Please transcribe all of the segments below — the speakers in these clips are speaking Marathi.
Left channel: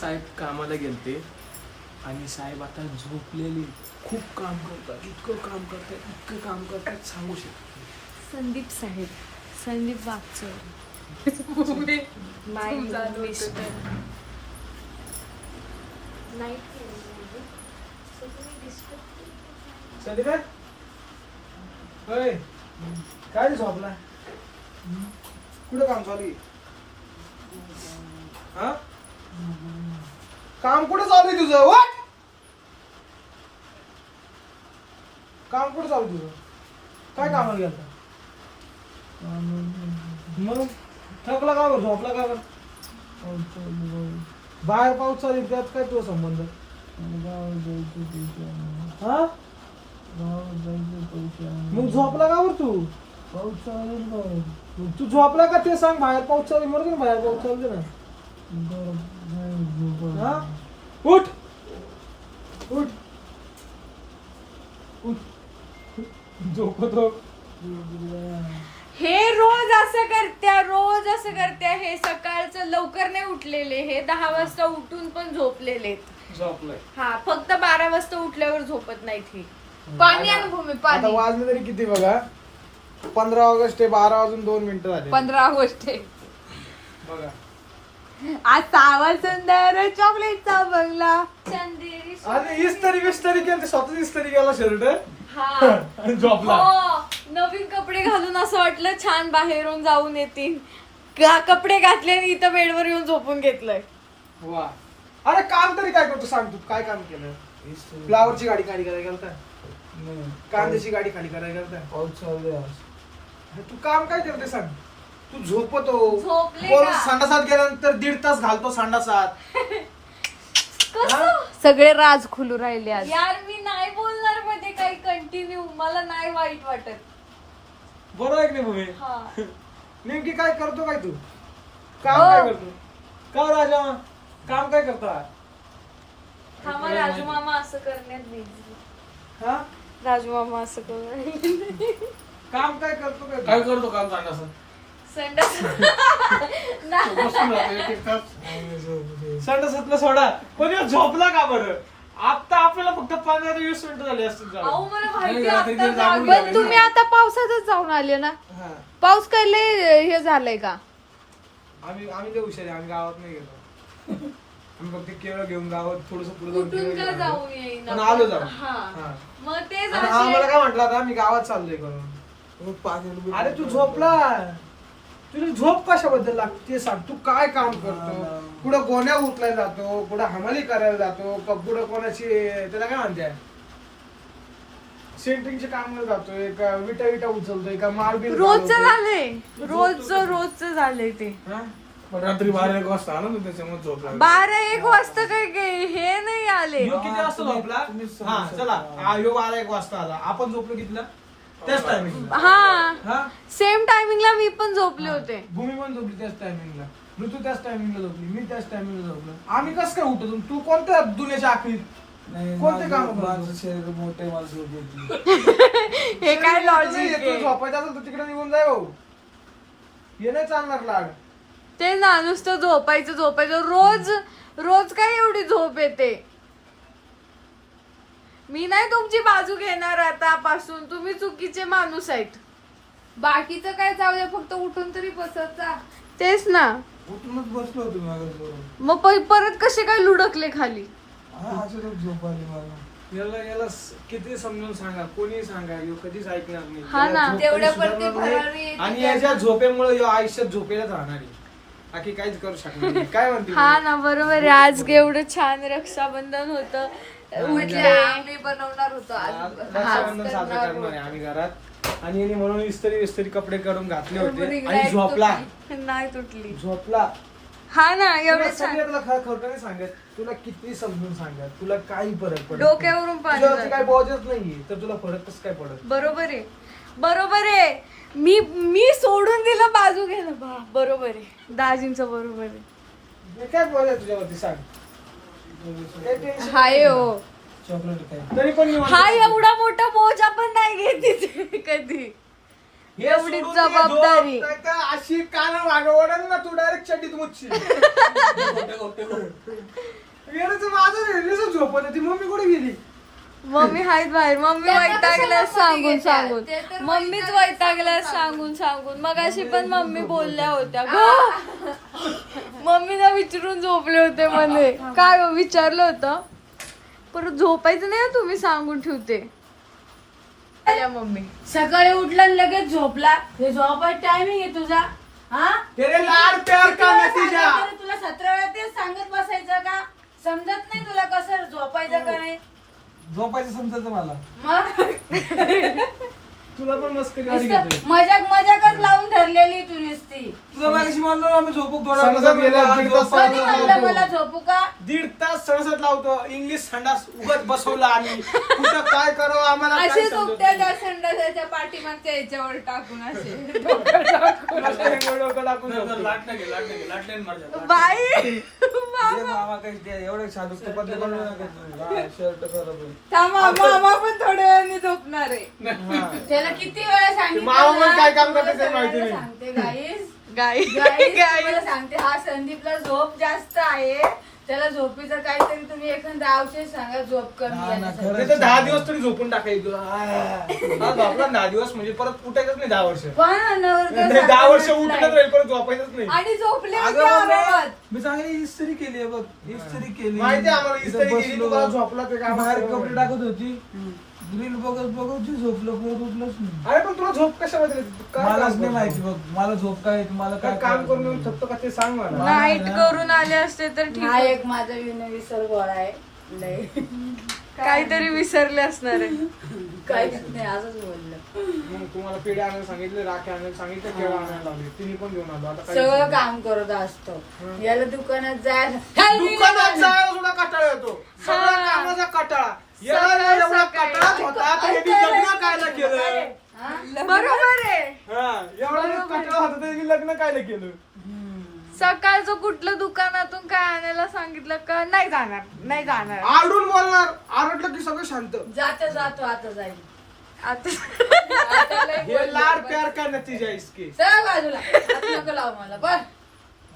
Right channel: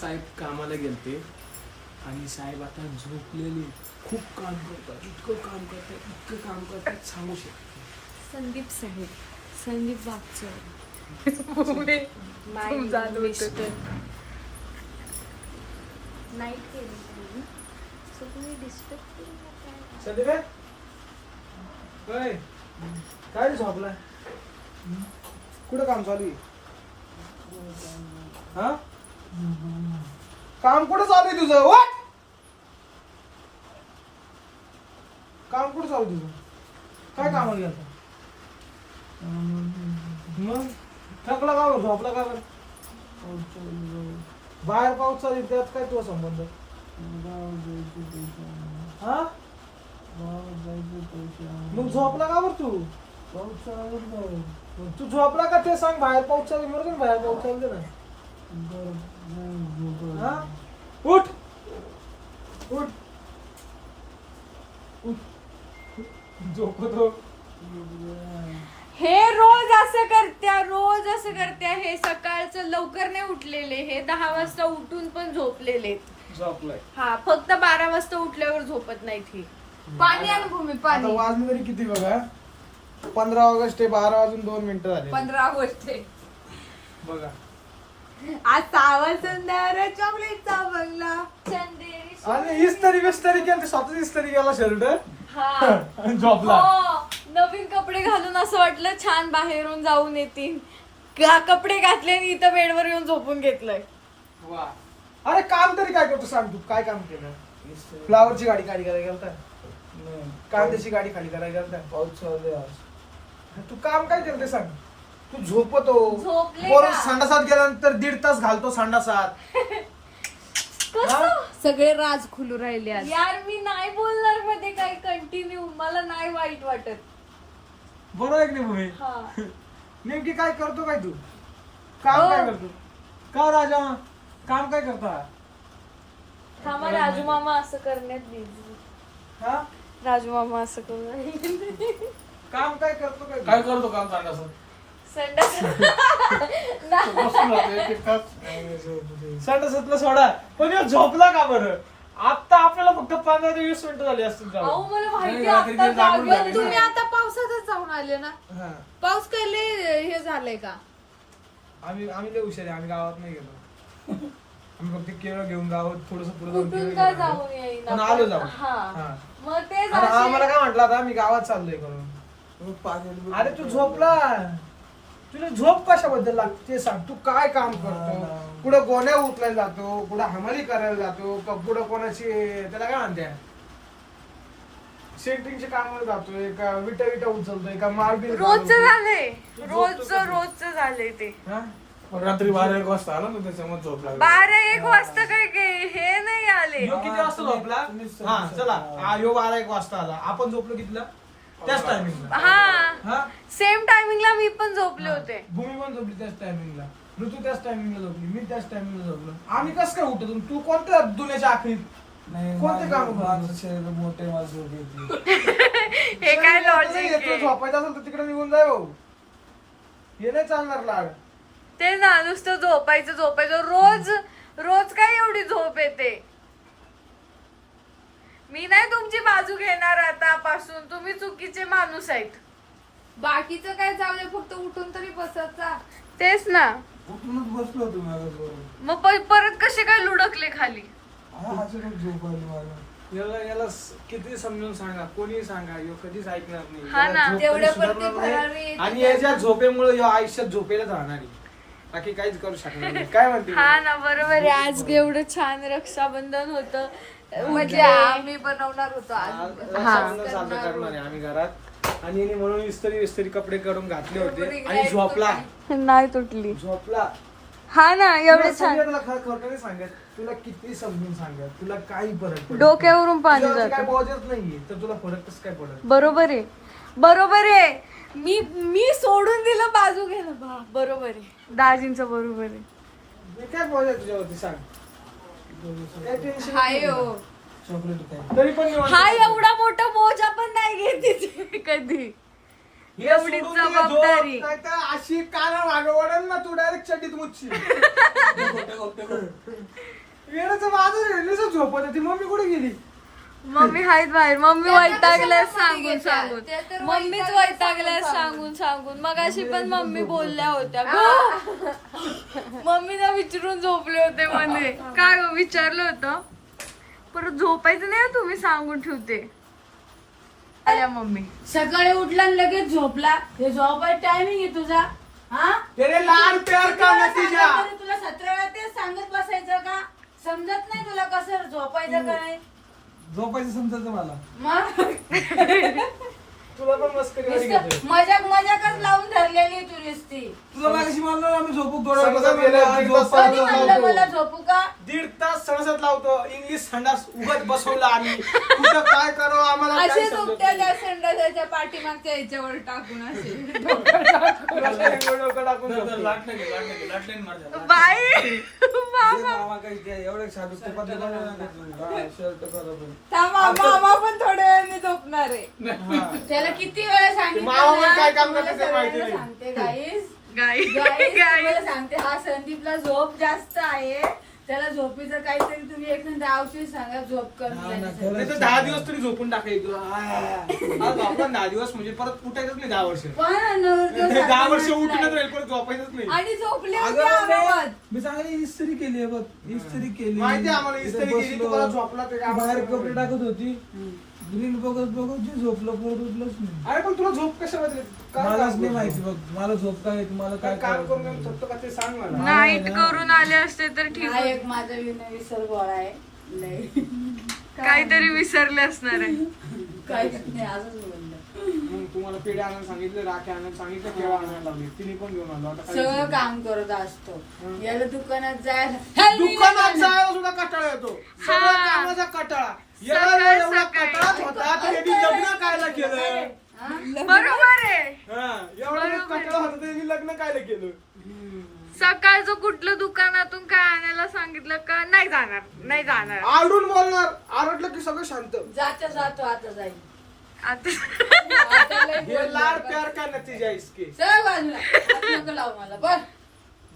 साहेब कामाला गेलते आणि साहेब आता झोपलेले. खूप काम करतात, इतकं काम करतात सांगू शकतो. संदीप साहेब, संदीप वागचौर. संदीप काय रे झोपला? कुठं काम चालू आहे? हा? काम कुठं चालू आहे तुझं? वाट काम कुठं चालू आहे तुझं? काय कामाला गेलता? मग थकला का बरं? झोपला का बरं? बाहेर पाऊस चालू आहे, त्यात काय तुझा संबंध? हा? मग झोपला का बरं तू? पाऊस चालू. तू झोपला का ते सांग. बाहेर पाऊस चालू म्हणत ना, बाहेर पाऊस चालू ना. हा? उठ उठ उठ. झोपतो. हे रोज असं करत्या. हे सकाळचं लवकर नाही उठलेले. हे 10 वाजता उठून पण झोपलेले. झोपलाय. हा, फक्त 12 वाजता उठल्यावर झोपत नाही ती. पाणी आण भूमी, आता पाणी. वाजले तरी किती बघा? 15 ऑगस्ट आहे. 12 वाजून 2 मिनिटं झाले. 15 ऑगस्ट आहे. बघा आज सावा सुंदर चॉकलेटचा बंगला. चंदेरी आणि इस्त्री विस्त्री केली, स्वतःच इस्त्री केला शर्ट हा. आणि झोपला. हो, नवीन कपडे घालून असं वाटलं छान बाहेरून जाऊन येतील. कपडे घातले आणि इथं बेडवर येऊन झोपून घेतलंय. वा. अरे काम तरी काय करतो सांग. तू काय काम केलं? फ्लावरची गाडी खाली करायला गेलता? कांद्याची गाडी खाली करायला गेलता? पाऊस चालू आहे. तू काम काय केलं ते सांग. तू झोपतो, झोपले परत का? संडासात गेल्यानंतर 1.5 तास घालतो संडासात. सगळे राज खुलू राहिले आज. यार मी नाही बोलणार मध्ये काही कंटिन्यू. मला नाही वाईट वाटत. बरोबर आहे की नाही भूमी? हा. नेमकी काय करतो काय तू? काम काय करतो? का राजा काम काय करता? थांबा, राजू मामा असं करण्यात बिझी. हा? राजू मामा असं करू काम काय करतो काय काय करतो काम सांगा संडासातला सोडा. पण ह्यो झोपला का बरं? आता आपल्याला फक्त 15 ते 20 मिनिटं झाली असतील जाऊन. तुम्ही आता पावसातच जाऊन आले ना. हा. पाऊस काय लय हे झालंय का? आम्ही लय हुशार आहे. आम्ही गावात नाही गेलो. आम्ही फक्त केळं घेऊन गावात थोडस पुढे जाऊन कुठून केळं काय घेऊन आलो. जाऊन येईना. पण आलो जाऊन. हा. हा. मग ते आणि आम्हाला काय म्हटलं आता मी गावात चाललोय करून. अरे तू झोपला. तुला झोप कशाबद्दल लागते ते सांग. तू काय काम करतो? कुठं गोण्या उचलायला जातो, कुठं हमाली करायला जातो, का कुठं कोणाची त्याला काय म्हणते सेंटरिंगचे काम जातोय, का विटा उचलतोय, का मार्बिल रोजचं झालंय. रोजचं झालंय ते. रात्री 12-1 वाजता आलो ना, त्याच्यामुळे झोप लागली. 12-1 वाजता काय हे नाही आले. ह्यो किती वाजता झोपला? हा चला. ह्यो 12-1 वाजता आला. आपण झोपलो कितीला? त्याच टायमिंगला. हा, सेम टायमिंगला मी पण झोपले होते. भूमी पण झोपली त्याच टायमिंगला. ऋतू त्याच टायमिंगला झोपली. मी त्याच टायमिंगला झोपलो. आम्ही कसं काय उठतो? तू कोणत्या दुनियाच्या आखरीत कोणते काम शरीर मोठे माझं हे काय लॉजिक येतो? झोपायचं असेल तर तिकडे निघून जाय भाऊ. हे नाही चालणार लाड. ते ना नुसतं झोपायचं. रोज काय एवढी झोप येते. मी नाही तुमची बाजू घेणार आतापासून. तुम्ही चुकीचे माणूस आहेत. बाकीचं काय जाऊ दे, फक्त उठून तरी बसायचा. तेच ना. उठूनच बसलो होतो मागे. मग परत कसे काय लुडकले खाली? झोप आली मला. याला किती समजून सांगा, कोणी सांगा, ह्यो कधीच ऐकणार नाही. हा ना, याला झोप तेवढ्या कधी सुधारणार पुरती नाही. फरारी येते आणि याच्या झोपेमुळे ह्यो आयुष्यात झोपेलाच राहणार आहे. बाकी काहीच करू शकणार नाही. काय म्हणते? हा ना, बरोबर आहे. आज एवढं छान रक्षाबंधन होतं. उठले, आम्ही बनवणार होतो आज. रक्षाबंधन साजरं करणार आहे आम्ही घरात. आणि याने म्हणून इस्त्री कपडे करून घातले होते आणि झोपला. नाही तुटली. झोपला. हा ना, एवढे छान. तुला खरं नाही सांगत. तुला किती समजून सांगत, तुला काही फरक पडत डोक्यावरून पाणी तुझ्यावरती काय जातं. बोजच नाहीये, तर तुला फरक कसं काय पडत? बरोबर आहे. मी सोडून दिलं बाजू घ्यायला. बरोबर आहे. दाजींचं बरोबर आहे. मी काय बोल तुझ्यावरती सांग. काही tension हाय नाही हो. चॉकलेट काय तरी पण निवांत हा एवढा मोठा बोज आपण नाही घेत कधी. हे एवढी सोडून दे, जबाबदारी. झोप, नाहीतर अशी कान वागवडन ना तू डायरेक्ट चड्डीत मुच्छी येण्याचं माझं हेडलीच झोपत होती मम्मी कुठे गेली मम्मी आहेत बाहेर. मम्मी त्या वैतागल्या कशाला सांगून मध्ये घेतात? सांगून त्या तर मम्मीच वैतागल्या वैतागल्या सांगून सांगून मग अशी पण मम्मी बोलल्या होत्या ग. मम्मीला विचारून झोपले होते म्हणे. काय हो, विचारलं होतं परत झोपायचं नाही हं, तुम्ही सांगून ठेवते. आल्या मम्मी. सकाळी उठला आणि लगेच झोपला. हे झोपायचा टायमिंग आहे तुझा? हा? तेरे लाड प्यार किती का वेळा नतीजा सांगायचं रे तुला? 17 वेळा तेच सांगत बसायचं का? समजत नाही तुला कसं झोपायचं का नाही? झोपायचं समजायचं मला. मग तुला पण मस्करी वाली घेतोय नुसतं मजाकच लावून धरलेली तू नुसती. तुला मागाशी म्हणलं ना आम्ही झोपू समजा गेलं, दीड तास कधी लावतो. म्हणलं मला झोपू का? 1.5 तास सणसत लावतो इंग्लिश संडास उगत बसवला आम्ही कुठं काय करावं आम्हाला काय असे समजत दुपट्या नाही. त्या संडासाच्या पाठीमागच्या याच्यावर टाकून असे डोकं टाकून झोपतो. बाई ये मामा काही काय एवढे साधू तुपातले बनवू नका तुम्ही. हा, शर्ट खराब आहे. थांबा, मामा पण थोड्या वेळाने झोपणार आहे. हा. त्याला किती वेळा सांगितलं मामा पण ना, काय काम तुम्हाला करतात ते माहिती सगळ्यांना नाही. सांगते गाईस गाई तुम्हाला सांगते हा संदीपला झोप जास्त आहे. त्याला झोपीचं काहीतरी तुम्ही एखादा औषध सांगा झोप कमी हा ना, जाण्यासाठी. खरं. नाही तर 10 दिवस तरी झोपून टाकायचं हा झोपला 10 दिवस म्हणजे परत उठायचंच नाही 10 वर्ष पण हा नवरदेव 10 वर्ष सारखा उठूनच नसलाय. राहील परत झोपायचंच नाही आणि झोपली अगं होती मम्मी, आरामात. मी चांगली इस्त्री केली आहे बघ. इस्त्री केली. माहिती आहे आम्हाला, इस्त्री इथं केली, तुम्हाला झोपला ते काय बाहेर आवडतं. कपडे टाकत होती रील बघत बघत जी झोपलं परत उठलंच नाही. अरे पण तुला झोप कशाला दिली? काय मलाच काम नाही करतो? माहिती बघ. मला झोप काय येते मला काय काय काम करायचं करून नाही. येऊन शकतो का ते सांग मला नाईट करून आले असते तर ठीक हा होतं. एक माझा विसर गोळा आहे लय. काहीतरी विसरले असणार आहे. काय नाही असंच बोललं. मग तुम्हाला पेढे आणायला सांगितले राखे आणायला सांगितलं केळं आणायला लावले तिने पण घेऊन आलो आता काय सगळं काम करत असतो याला दुकानात जायला दुकानात जायला सुद्धा कंटाळा येतो सगळ्या कामाचा कंटाळा याला एवढा कंटाळाच होता तर यांनी लग्न कायला केलं बरोबर आहे. हा एवढा कंटाळा होता तर यांनी लग्न कायला केलं सकाळचं कुठलं दुकानातून काय आणायला सांगितलं का नाही जाणार नाही जाणार. आरडून बोलणार आरडलं की सगळं शांत जातो आता जाईल आता आता लय हे बोललं लाड बघ. प्यार का नतीजा इसके सगळं बाजूला हात नको लाव मला बघ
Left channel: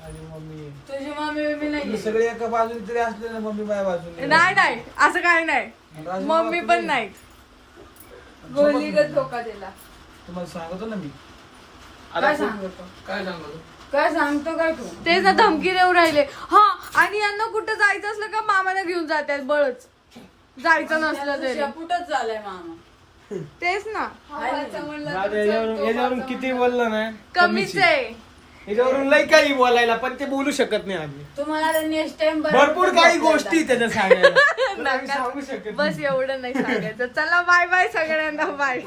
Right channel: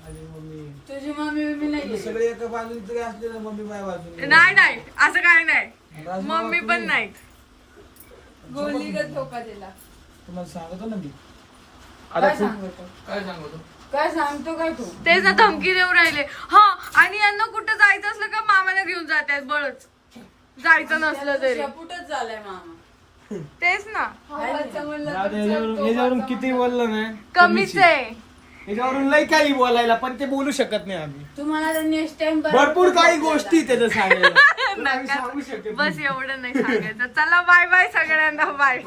माझी मम्मी तुझी मम्मी बिम्मी तुम्ही नाही सगळे एका बाजूने तरी असले ना मम्मी माझ्या बाजूने. नाही नाही असं काही नाही. राजू मम्मी बाबा पण नाही. गोलीगत धोका दिला. तुम्हाला सांगतो ना मी. काय सांगतो काय सांगतो काय तू तेच ना धमकी देऊ राहिले. हा आणि यांना कुठं जायचं असलं का मामाला घेऊन जातात बळच जायचं नसलं तरी. शेपूटच झालाय मामा तेच ना याच्यावरून किती बोललं ना कमीच आहे. याच्यावरून लय काही बोलायला पण ते बोलू शकत नाही आम्ही तुम्हाला नेक्स्ट टाइम भरपूर काही गोष्टी त्याचं सांगायला तर आम्ही नका. सांगू शकत बस एवढं नाही सांगायचं. चला बाय बाय सगळ्यांना बाय.